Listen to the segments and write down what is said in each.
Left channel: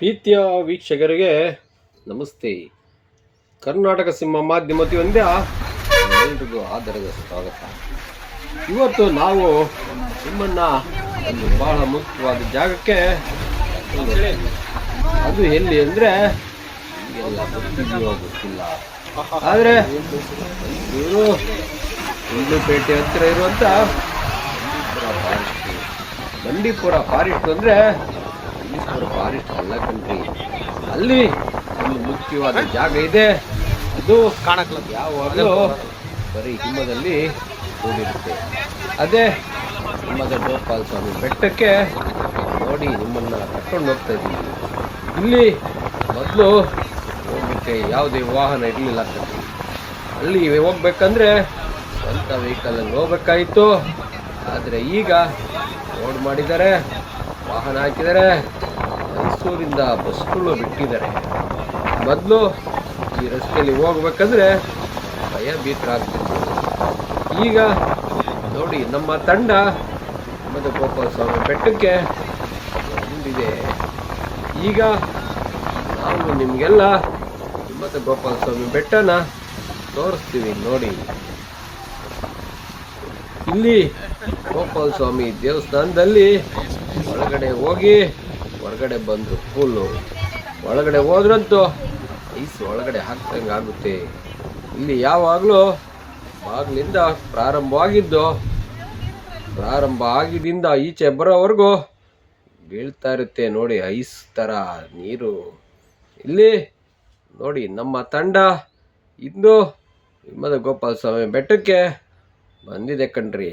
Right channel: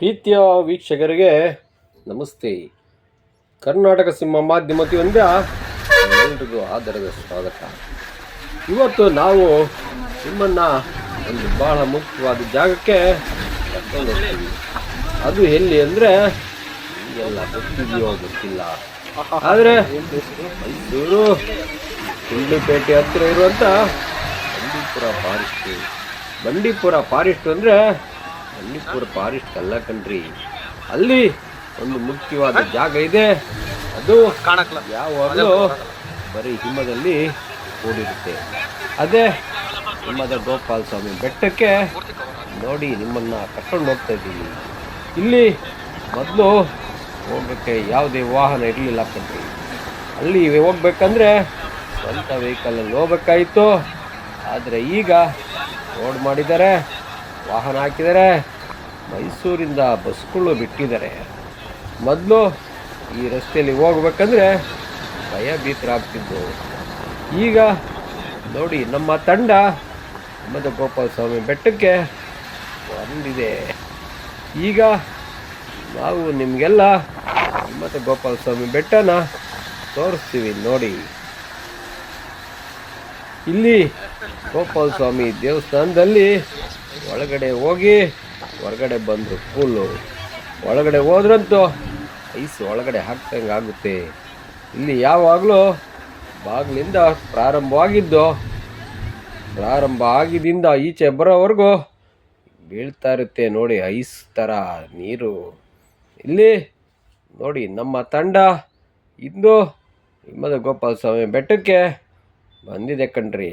ಪ್ರೀತಿಯ ವೀಕ್ಷಕರಿಗೆ ನಮಸ್ತೆ. ಕರ್ನಾಟಕ ಸಿಂಹ ಮಾಧ್ಯಮತಿ ಒಂದೇ ಎಲ್ರಿಗೂ ಆದರದ ಸ್ವಾಗತ. ಇವತ್ತು ನಾವು ನಿಮ್ಮನ್ನು ಒಂದು ಬಹಳ ಮುಖ್ಯವಾದ ಜಾಗಕ್ಕೆ ಅದು ಎಲ್ಲಿ ಅಂದರೆ ಗೊತ್ತಿದೆಯೋ ಗೊತ್ತಿಲ್ಲ. ಆದರೆ ಮೈಸೂರು ಗುಂಡ್ಲುಪೇಟೆ ಹತ್ತಿರ ಇರುವಂಥ ಬಂಡೀಪುರ ಫಾರೆಸ್ಟ್ ಬಂಡೀಪುರ ಫಾರೆಸ್ಟ್ ಅಂದರೆ ಬಂಡೀಪುರ ಫಾರೆಸ್ಟ್ ಅಲ್ಲ ಕಣ್ರಿ. ಅಲ್ಲಿ ಒಂದು ಮುಖ್ಯವಾದ ಜಾಗ ಇದೆ. ಅದು ಕಾಣಕ್ಲ ಯಾವಾಗಲೂ ಬರೀ ಹಿಮದಲ್ಲಿ ಕೂಡಿರುತ್ತೆ. ಅದೇ ಹಿಮದ ಗೋಪಾಲ ಸ್ವಾಮಿ ಬೆಟ್ಟಕ್ಕೆ ನೋಡಿ ನಿಮ್ಮನ್ನು ಕರ್ಕೊಂಡು ಹೋಗ್ತಾ ಇದ್ದೀನಿ. ಇಲ್ಲಿ ಮೊದಲು ಹೋಗೋಕ್ಕೆ ಯಾವುದೇ ವಾಹನ ಇರಲಿಲ್ಲ ಕಣ್ರಿ. ಅಲ್ಲಿ ಹೋಗ್ಬೇಕಂದ್ರೆ ಸ್ವಂತ ವೆಹಿಕಲಲ್ಲಿ ಹೋಗ್ಬೇಕಾಯಿತು. ಆದರೆ ಈಗ ರೋಡ್ ಮಾಡಿದ್ದಾರೆ. ವಾಹನ ಹಾಕಿದ್ದಾರೆ ಮೈಸೂರಿಂದ ಬಸ್ಗಳು ಬಿಟ್ಟಿದ್ದಾರೆ. ಮೊದಲು ಈ ರಸ್ತೆಯಲ್ಲಿ ಹೋಗ್ಬೇಕಂದ್ರೆ ಭಯಭೀತರಾಗ್ತಿದ್ದು ಈಗ ನೋಡಿ, ನಮ್ಮ ತಂಡ ಹಿಮದ ಗೋಪಾಲ ಸ್ವಾಮಿ ಬೆಟ್ಟಕ್ಕೆ ಬಂದಿದೆ. ಈಗ ನಾವು ನಿಮಗೆಲ್ಲ ಗೋಪಾಲ ಸ್ವಾಮಿ ಬೆಟ್ಟನ ತೋರಿಸ್ತೀವಿ ನೋಡಿ. ಇಲ್ಲಿ ಗೋಪಾಲ ಸ್ವಾಮಿ ದೇವಸ್ಥಾನದಲ್ಲಿ ಒಳಗಡೆ ಹೋಗಿ, ಹೊರಗಡೆ ಬಂದರು ಫುಲ್ಲು ಒಳಗಡೆ ಹೋದ್ರಂತೂ, ಐಸ್ ಒಳಗಡೆ ಹಾಕ್ದಂಗೆ ಆಗುತ್ತೆ. ಇಲ್ಲಿ ಯಾವಾಗಲೂ ಬಾಗಿಲಿಂದ ಪ್ರಾರಂಭವಾಗಿದ್ದು, ಪ್ರಾರಂಭ ಆಗಿದಿಂದ ಈಚೆ ಬರೋವರೆಗೂ ಬೀಳ್ತಾ ಇರುತ್ತೆ ನೋಡಿ, ಐಸ್ ಥರ ನೀರು. ಇಲ್ಲಿ ನೋಡಿ, ನಮ್ಮ ತಂಡ ಇಂದು ಹಿಮದ ಗೋಪಾಲ ಸ್ವಾಮಿ ಬೆಟ್ಟಕ್ಕೆ ಬಂದಿದೆ ಕಣ್ರಿ.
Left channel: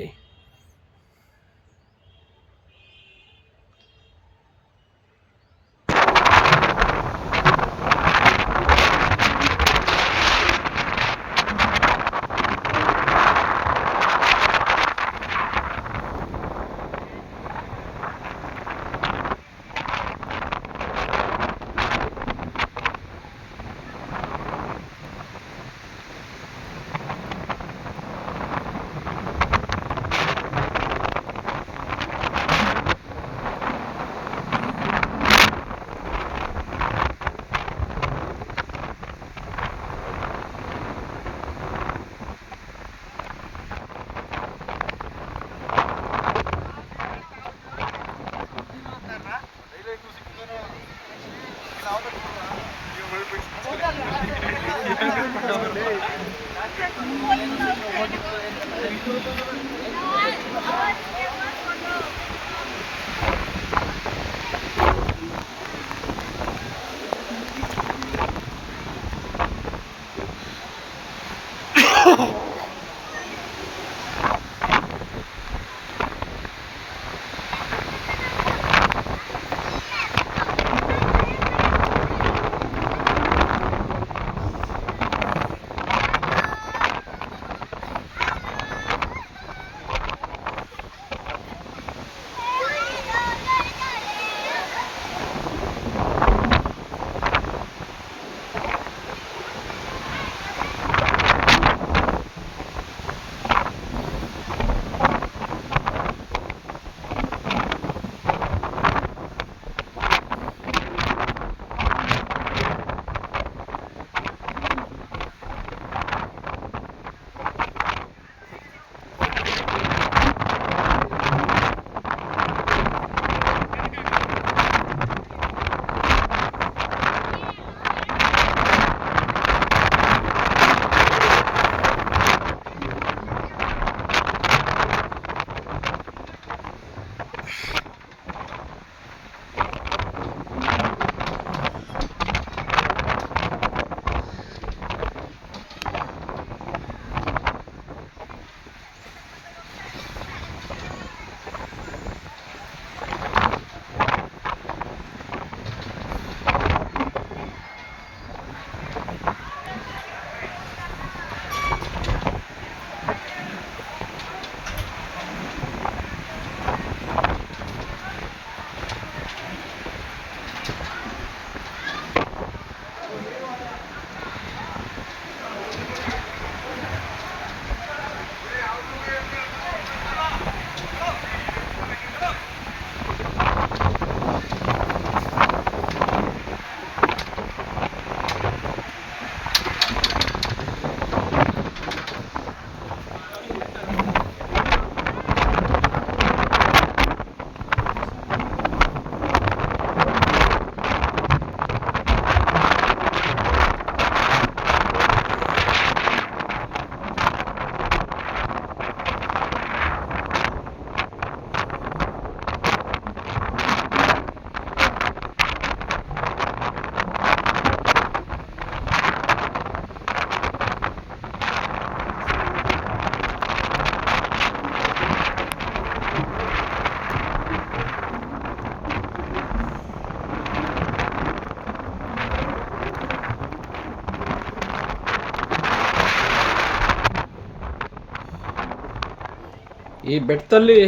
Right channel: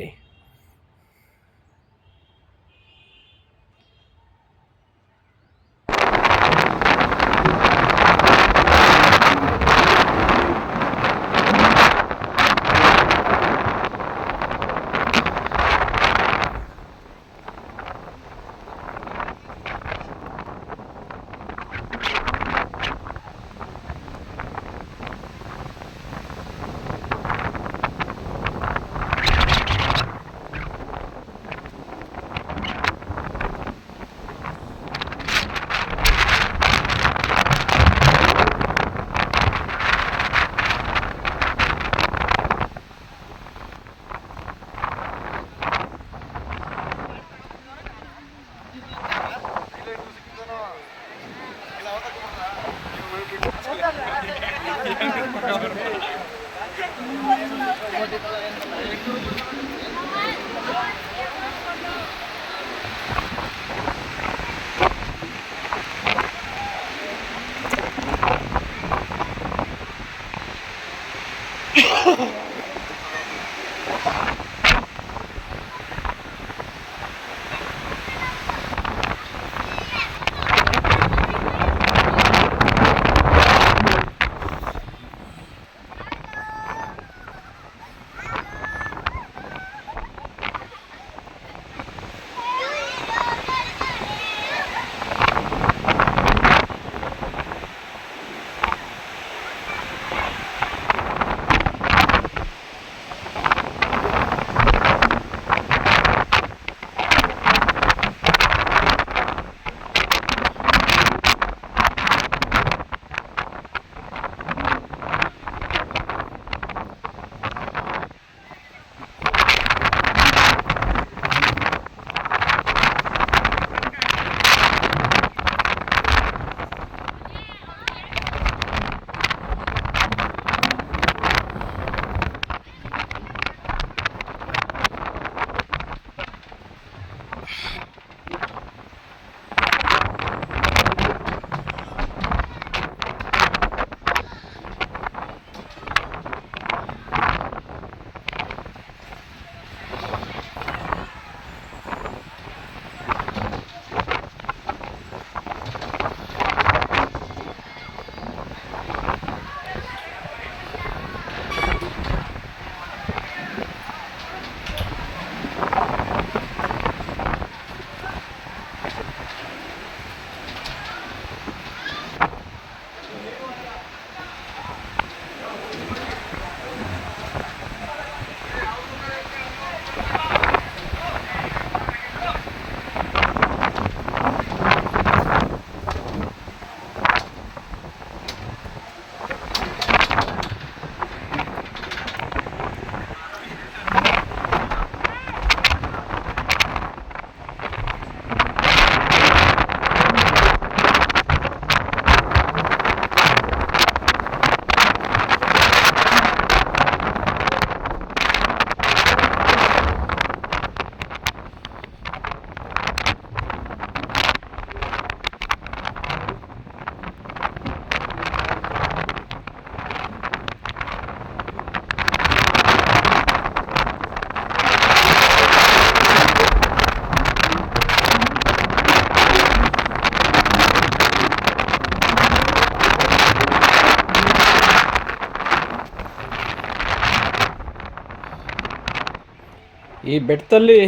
ಈ ಬೆಟ್ಟದಲ್ಲಿ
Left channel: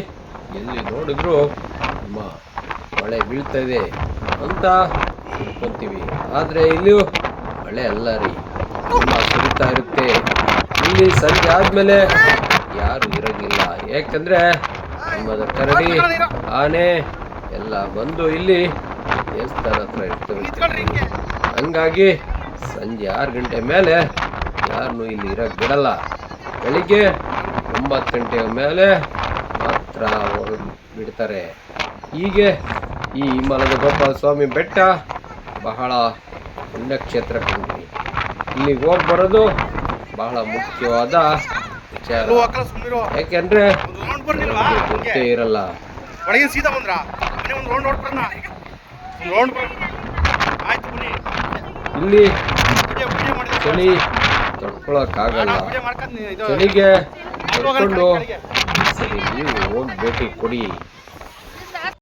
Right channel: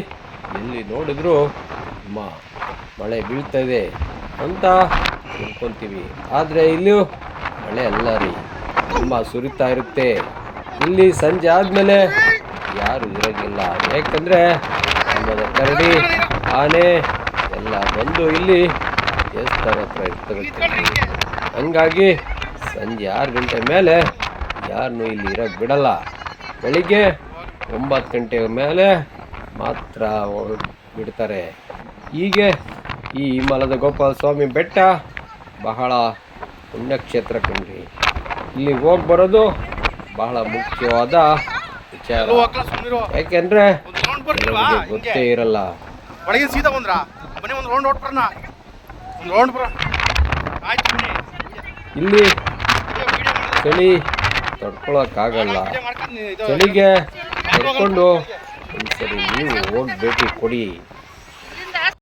ಎಲ್ಲಿ ನೋಡಿದ್ರು ನಮ್ಮ ಮಳೆ ಬೀಳ್ತಾ ಇದೆ ಅಂತ ತಿಳ್ಕೊತೀವಿ. ಆದರೆ ಇಲ್ಲಿ ಮಳೆ ಅಲ್ಲ ರೀ. ತುಂಬ ಸುರಿತಾ ಇರುತ್ತೆ. ಇಲ್ಲಿ ಸಂಜೆ ಆದಮೇಲೆ ಯಾರು ಇರೋದಿಲ್ಲ. ಯಾಕಂದರೆ ನಿಮ್ಮದ ಕರಡಿ, ಆನೆ ಎಲ್ಲ ಬಂದು ಇಲ್ಲಿ ದೇವಸ್ಥಾನ ಹತ್ರ ಇರ್ತವೆ ಹಂಗಾಗಿ ಸಂಜೆ ಆರು ಗಂಟೆ ಮೇಲೆ ಯಾರನ್ನೂ ಇಲ್ಲಿ ಇರೋಕ್ಕೆ ಬಿಡಲ್ಲ. ಬೆಳಿಗ್ಗೆ ಒಂಬತ್ತು ಗಂಟೆ ಮೇಲೆ ಮಾತ್ರ ಅವರು ಬಿಡ್ತಾರೆ. ಹೀಗೆ ಈ ಹಿಮಾಲಯದ ಗೋಪಾಲ ಸ್ವಾಮಿ ಬೆಟ್ಟ ಬಹಳ ಪುಣ್ಯಕ್ಷೇತ್ರ ಕಣ್ರಿ ಇಲ್ಲಿಗೆ ಹೋಗಿ ಬರೋದು ಬಹಳ ಮುಖ್ಯವಾದ ವಿಚಾರ. ಯಾಕೆಂದ್ರೆ ಗೊತ್ತೇ ಇರಲ್ಲ. ಒಳಗೆ ಸೀದಾ ಬಂದ್ರಾ? ಮನೆ ಒಂದು ರೌಂಡ್ ಹೊಡ್ಬರೋಣ ರೌಂಡ್ ಬರೋ ಆಯ್ತು ಇಲ್ಲಿ ಚಳಿ ತಡ್ಕೊಳಕ್ಕಾಗಲ್ಲ. ಚಳಿಗೆ ತಡ್ಕೊಂಡು ಸರಿ ನೀವು ಭೇಟಿ ಕೊಡಿ.